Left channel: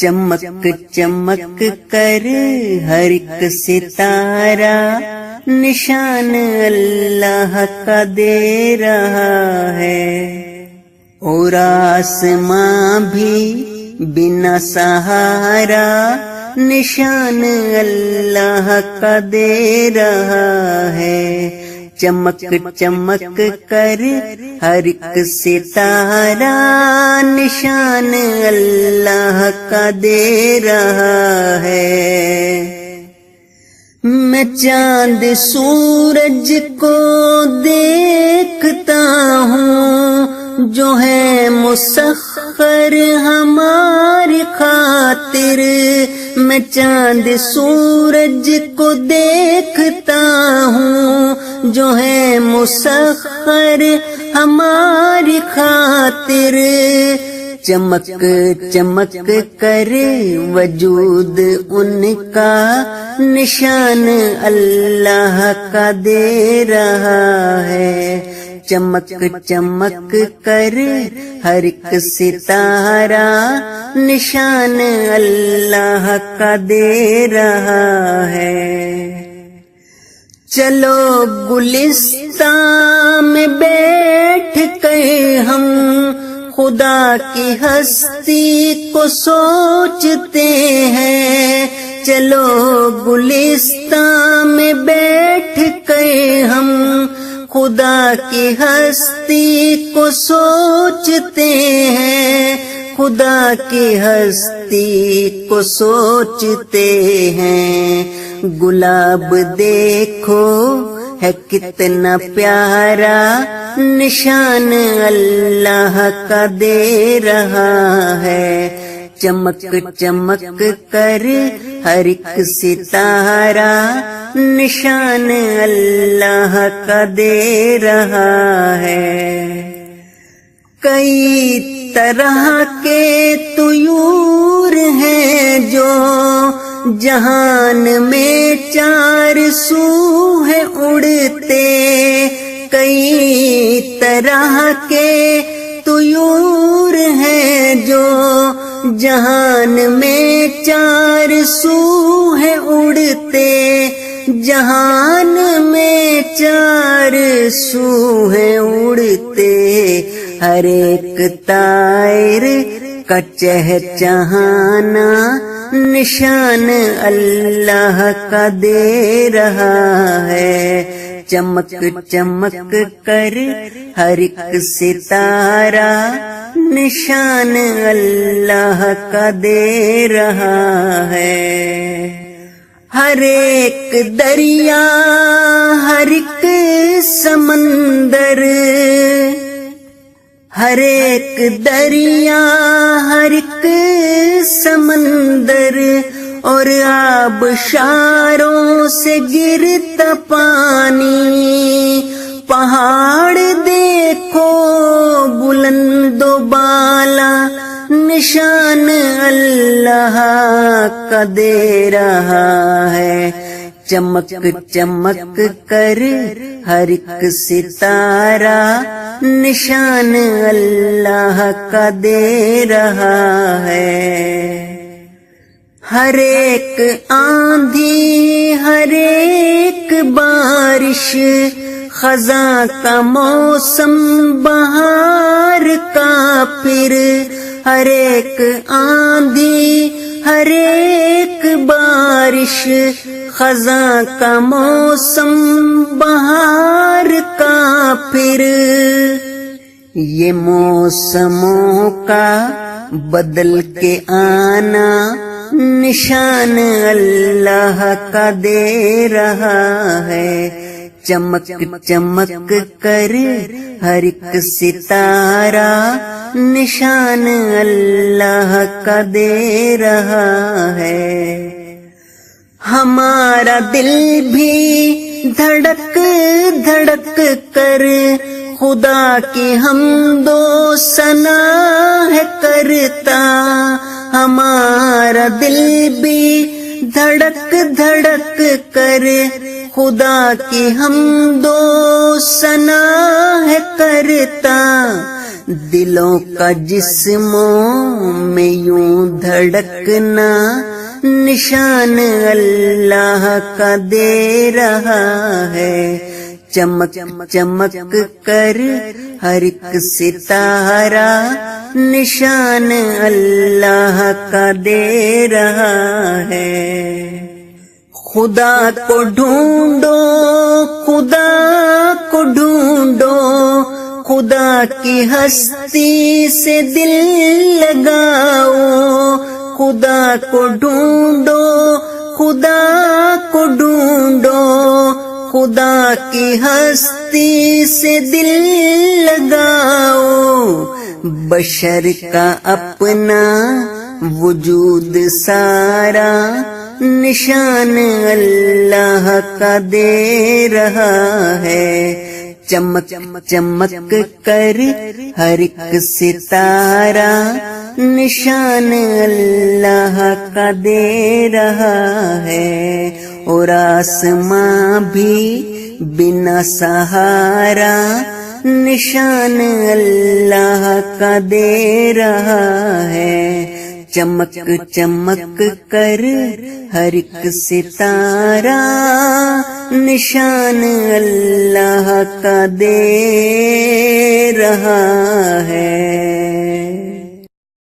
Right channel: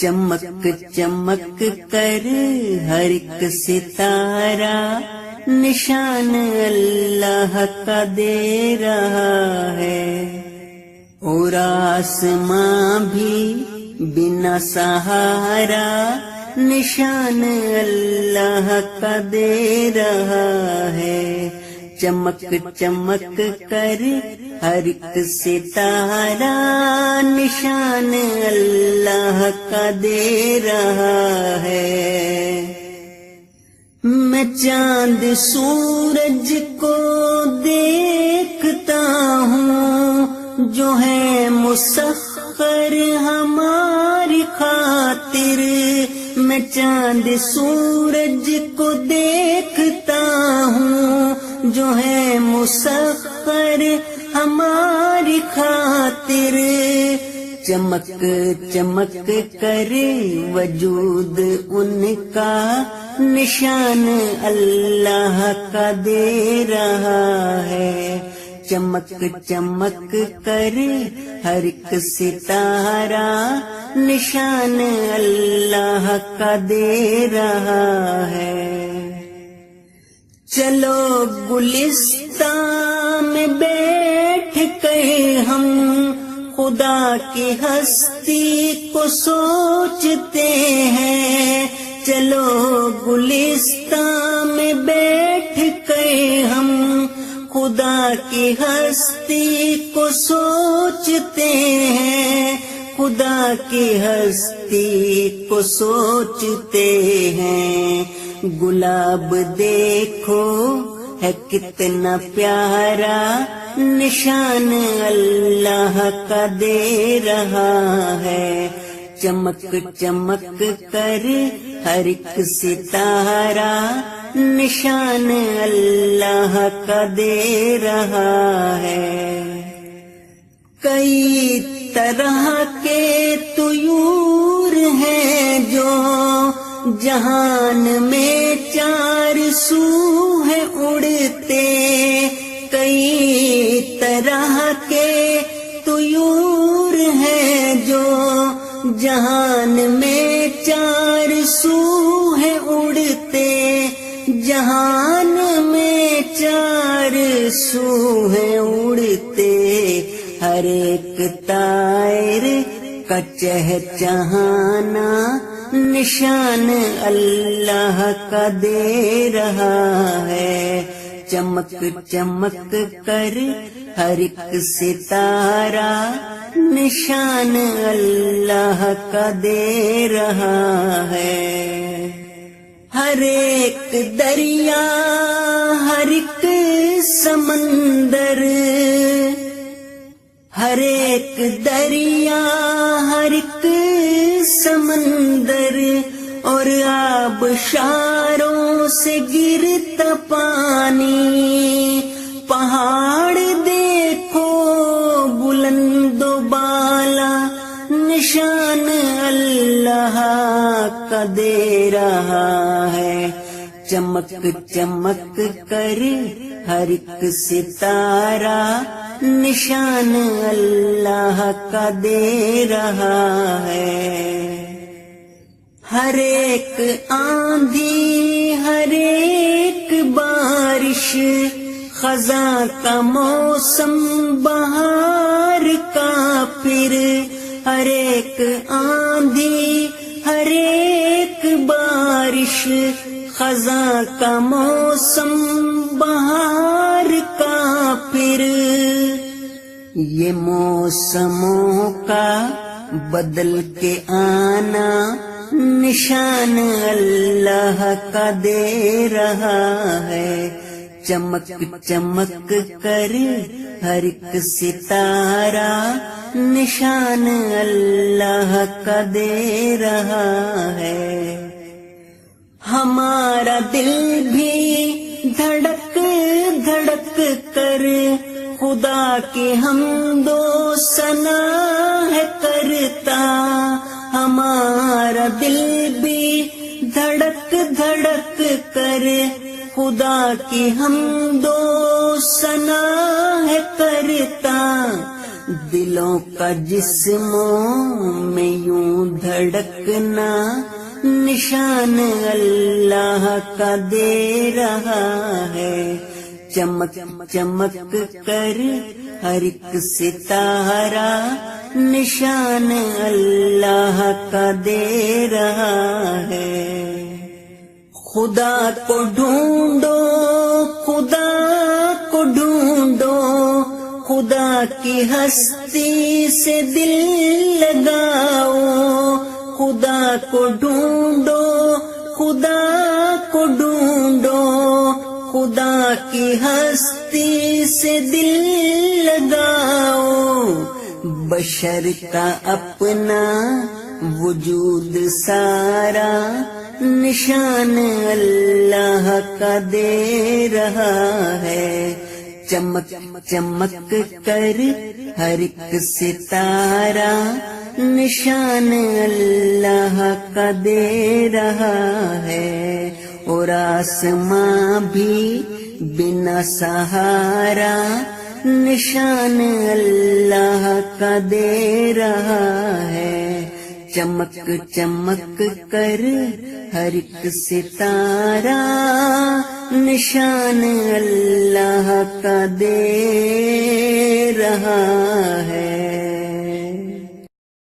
چمک چمک کر ہر ایک ستارہ نشان اللہ کا دے رہا ہے، اور آسماں بھی بنا سہارا نشان اللہ کا دے رہا ہے۔ چمک چمک کر ہر ایک ستارہ نشان اللہ کا دے رہا ہے۔ میں چاند سورج کو دیکھتا ہوں جو ہے مسخر ہماری خاطر، میں چاند سورج کو دیکھتا ہوں جو ہے مسخر ہماری خاطر، چمک چمک کر وجود ان کا نشان اللہ کا دے رہا ہے۔ چمک چمک کر ہر ایک ستارہ نشان اللہ کا دے رہا ہے۔ چلو گلستان میں بیٹھ کے ہم خدا کی ہستی کو سوچتے ہیں، چلو گلستان میں بیٹھ کے ہم خدا کی ہستی کو سوچتے ہیں، خدا کی ہستی کو سوچتے ہیں۔ گلاب دیکھو ہے کتنا پیارا نشان اللہ کا دے رہا ہے۔ چمک چمک کر ہر ایک ستارہ نشان اللہ کا دے رہا ہے۔ کئی طرح کے طیور ہیں جو جہان میں چار سو ہے اڑتے، کئی طرح کے طیور ہیں جو جہان میں چار سو ہے اڑتے، جہان میں چار سو ہے اڑتے، ہر ایک طائر کا چہچہانا نشان اللہ کا دے رہا ہے۔ چمک چمک کر ہر ایک ستارہ نشان اللہ کا دے رہا ہے۔ ہر ایک دریا، ہر ایک سمندر، ہر ایک دریا، ہر ایک سمندر، اور آبشاروں سے گرتا پانی، پہاڑ دیکھو بلند و بالا نشان اللہ کا دے رہا ہے۔ چمک چمک کر ہر ایک ستارہ نشان اللہ کا دے رہا ہے۔ ہر ایک آندھی، ہر ایک بارش، خزاں کا موسم بہار کا پھر، ہر ایک آندھی، ہر ایک بارش، خزاں کا موسم بہار کا پھر، یہ موسموں کا بدل کے آنا نشان اللہ کا دے رہا ہے۔ چمک چمک کر ہر ایک ستارہ نشان اللہ کا دے رہا ہے۔ ہمارا دل بھی دھڑک دھڑک کر خدا کی حمد و ثنا ہے کرتا، ہمارا دل بھی دھڑک دھڑک کر خدا کی حمد و ثنا ہے کرتا، دلوں کا جسموں میں یوں دھڑکنا نشان اللہ کا دے رہا ہے، چمک چمک کر ہر ایک ستارہ نشان اللہ کا دے رہا ہے۔ خدا کو ڈھونڈو، خدا کو ڈھونڈو، خدا کی ہستی سے دل لگاؤ، خدا کو ڈھونڈو، خدا کو ڈھونڈو، خدا کی ہستی سے دل لگاؤ، بشر کا اپنا وجود سارا نشان اللہ کا دے رہا ہے، چمک چمک کر ہر ایک ستارہ نشان اللہ کا دے رہا ہے، اور آسماں بھی بنا سہارا نشان اللہ کا دے رہا ہے، چمک چمک کر ہر ایک ستارہ نشان اللہ کا دے رہا ہے۔